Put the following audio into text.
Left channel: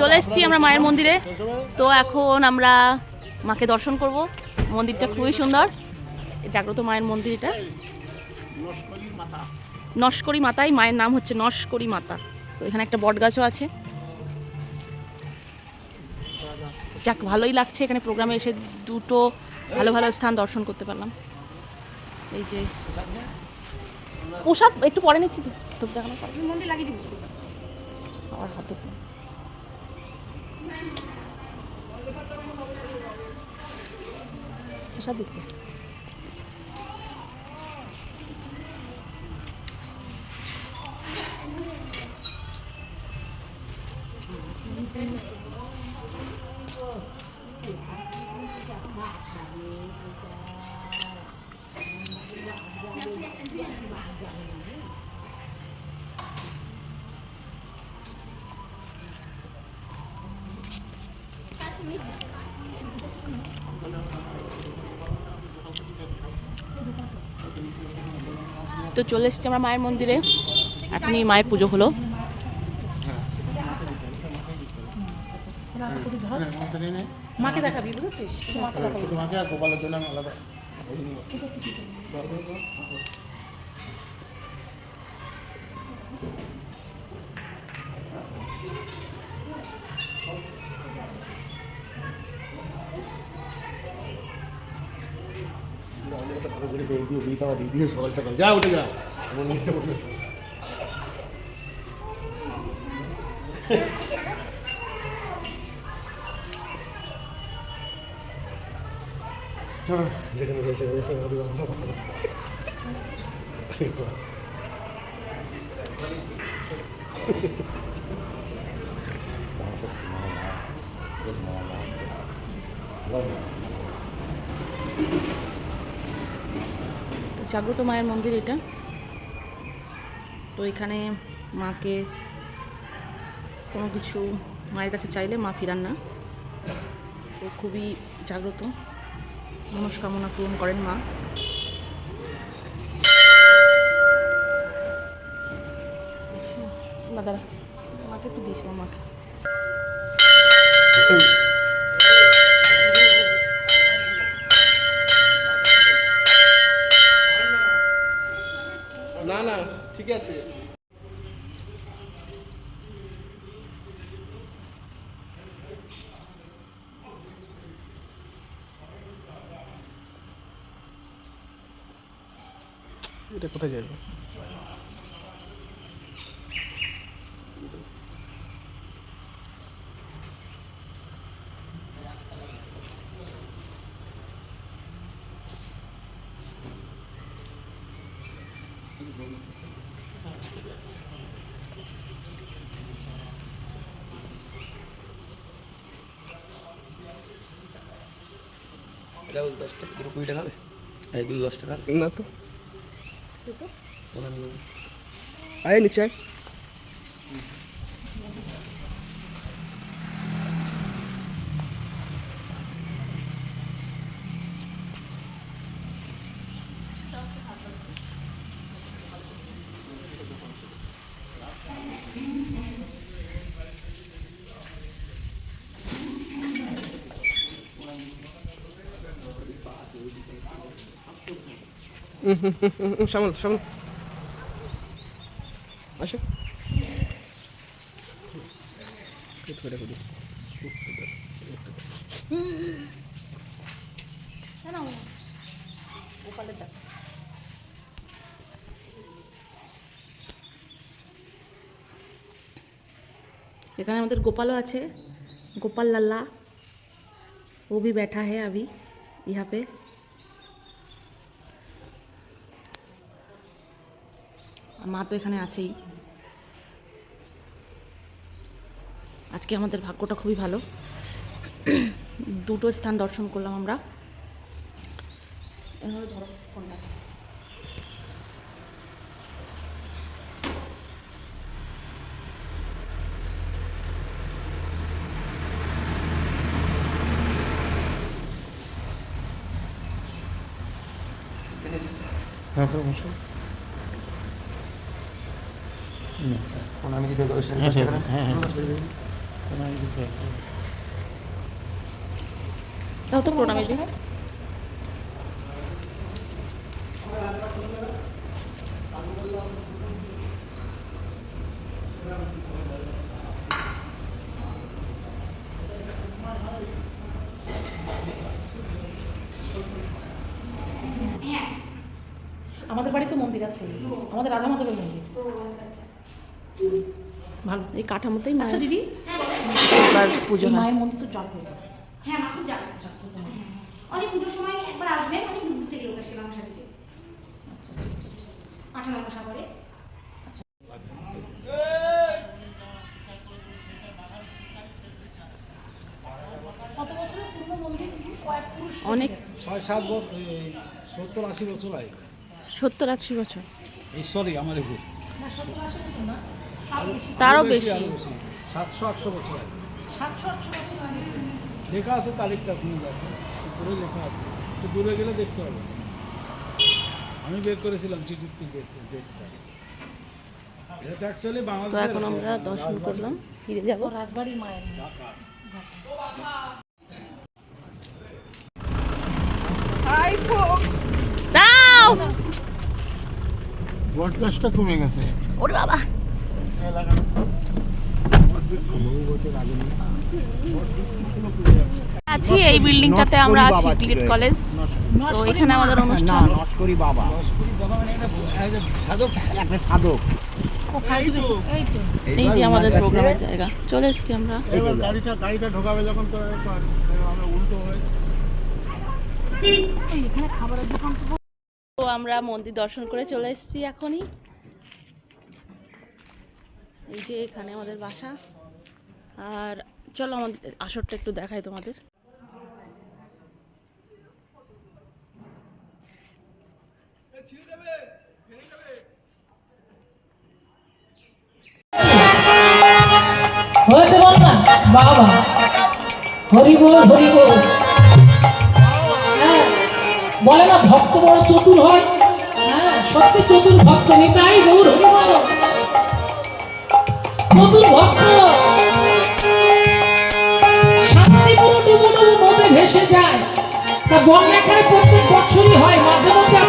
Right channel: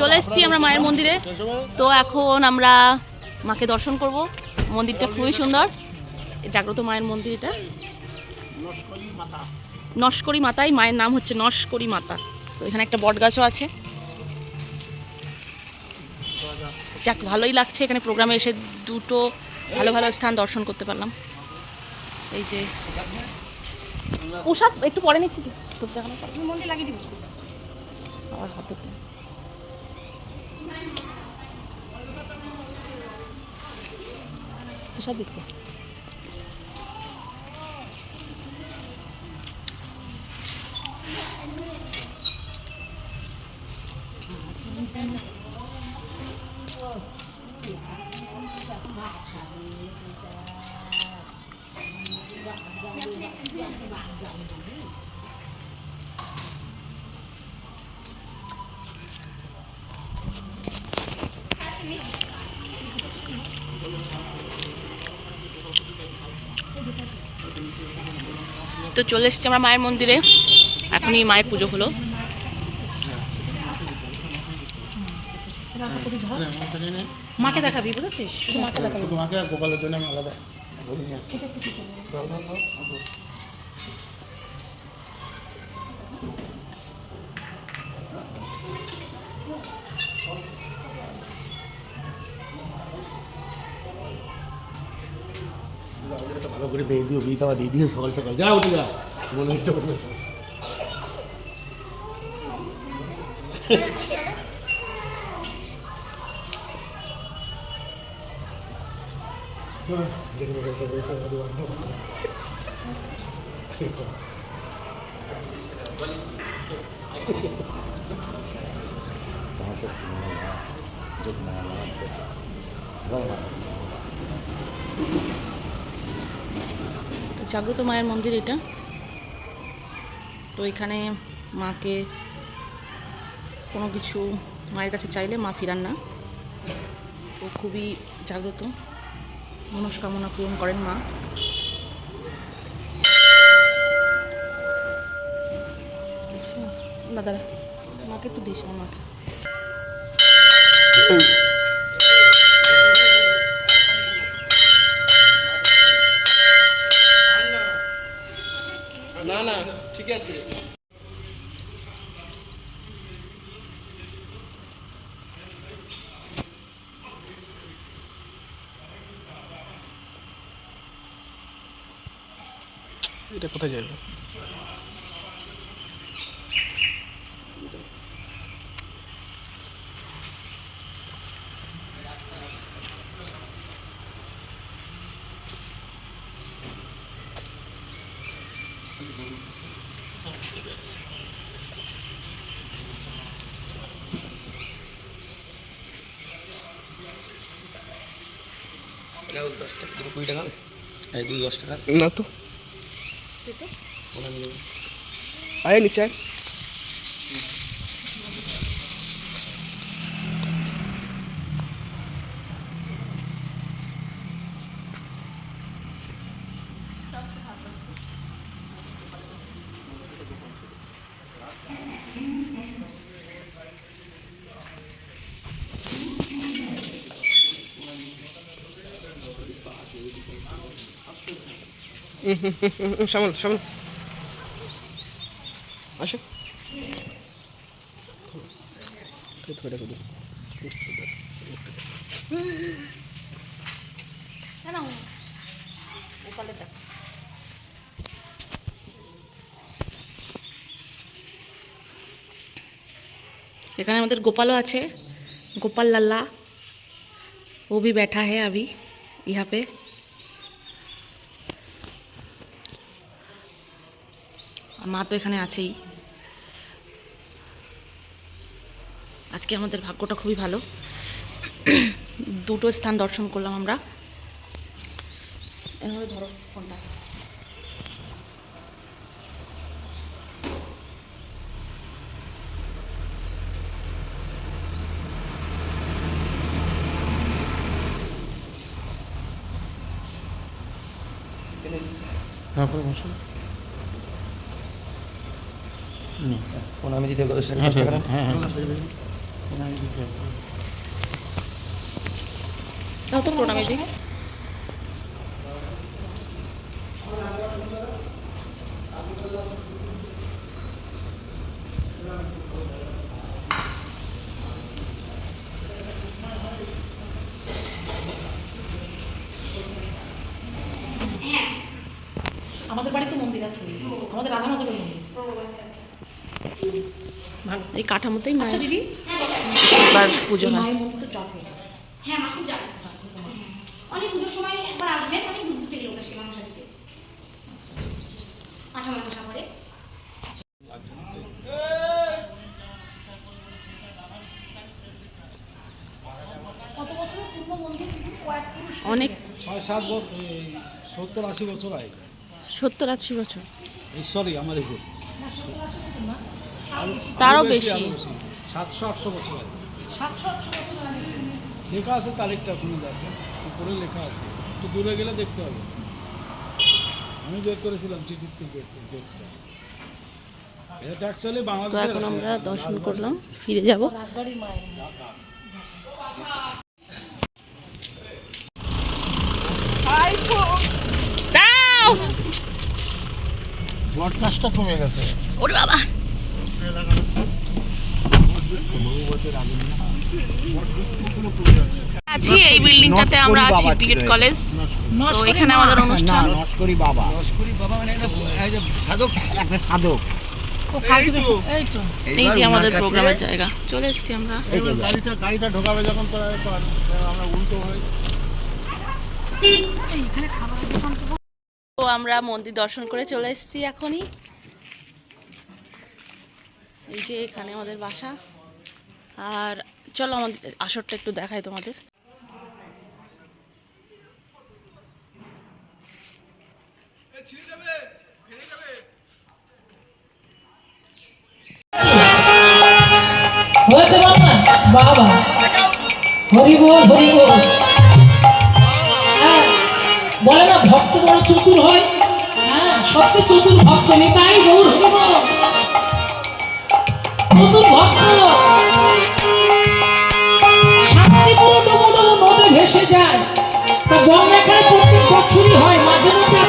চলে এসেছি আমরা মায়ের মন্দিরে। তো এখন আমরা মাকে দর্শন করব। মন্দিরটা খুবই সুন্দর, জাগ্রত মায়ের মন্দির এটা। নস্করি মাতাই মায়ের নাম হচ্ছে নস্করি মাতা। তো এখানে একটা বট গাছও আছে। যাক, ভালোই লাগছে এখানে প্রোগ্রামে এসে দুটো ভালো ভালো স্থান দর্শন করতে পারলাম। এই যে পোশাক একটু পরে নিচ্ছি, তো দেখানো মন্দির লাগিয়ে দিব আবার হাত ধরতে। পোশাক দেখতে তো চলে এসেছি আমরা মায়ের মন্দিরে। এখনই মায়ের পুজো হলো। মাকে দেখাবি, বুঝেছিস? গোপালের জন্য আলাদা ভালো করে বেয়ে দিও, বিয়ে খাওয়া দিয়ে দিও সকাল সকাল। যা উঠে যা, জাগ্রত মায়ের মন্দির এটা। তো এখানে মাকে কোনো কিছু মায়ের কাছে চাইলে মা ফিরান না। তো খুবই জাগ্রত, মনস্কামনা পূরণ করেন মা। দাদা মাকে একটু দিস, আমার মাকে। না না ঠিক আছে। এটা কোথায় যাবে? এটা 10 টাকা, 20 টাকা, এই 10 টাকা না তো। আয় নিচে আয়। সামনে সামনে আসো। এখানে আমাদের গোপালও আছে, गोपाल लल्ला, वो भी बैठा है अभी यहाँ पे। মা তো এখানে আছেই। আজকে আমাদের ভাগ্যটা খুবই ভালো, দুটো স্থান দর্শন করলাম আমরা। হ্যাঁ পুরো বসো। আমি দিতে হ্যাঁ হ্যাঁ হ্যাঁ। তাও তো প্রণামী দিই। আমাদের বাড়িতে মন্দির আছে, আমাদের রাধা মাধবের মন্দির। ভালো, এই কাঠামোতেই মা দিদি এবার পুজো হয়। হ্যাঁ মা খুব যাবে, অনেক পুজোর সময় একবার আসবেন, অনেক দূর থেকে লোক আসে মানুষের দিকে 18 সাগরে। অনেক 6-7 বছর, 70-80 বছর আগে। 70-80 বছর, এই সরি আমাদের তারও বেশি। 700-800 বছর আগে। 700-800 বছর আগে লেখা আছে, তারিখটা ওখানে দেখো, উপরে লেখা আছে, একটু দূরে গেলে দেখতে হবে। আমি বের করেছিলাম চিঠির থেকে দেখতে। এটা অ্যাকচুয়ালি তো বাংলাদেশ। এখন আমরা দর্শন করলাম, ফিরে যাব। দাও ব্রডকাস্টটা কমে গেছে। ওরে বাবা, আছি এই বিল্ডিংটাতে, আমরা আছি বিএড কলেজ। তো এখানে আমাদের অনুষ্ঠান। নস্করি বাবা মানে সাধক, একটা সাধক। এই যে আমাদের প্রোগ্রামের জায়গা, চলে এসেছি আমরা। গাড়িটা ঢোকাবে যখন তো আমরা উল্টো হয়। তো আমরা মন্দির দর্শন করে চলে এসেছি এখনই। এই যে এখানে আমাদের বাসা। আর চলো আমাদের আসরটা একটু দেখাই তোমাদের। হয়েছে বল না বাবা, হরি বল হরি বল। হ্যাঁ বলে না ভক্ত বড় চতুর হয়, হ্যাঁ সত্যি চতুর ভক্ত নিতাই গৌর হরি বল। চতুর ভক্ত শান্তিপুর ডুবু ডুবু নদে ভেসে যায়, তা বন্যা খায় প্রত্যেক বছরই হয়, মাঝে মধ্যে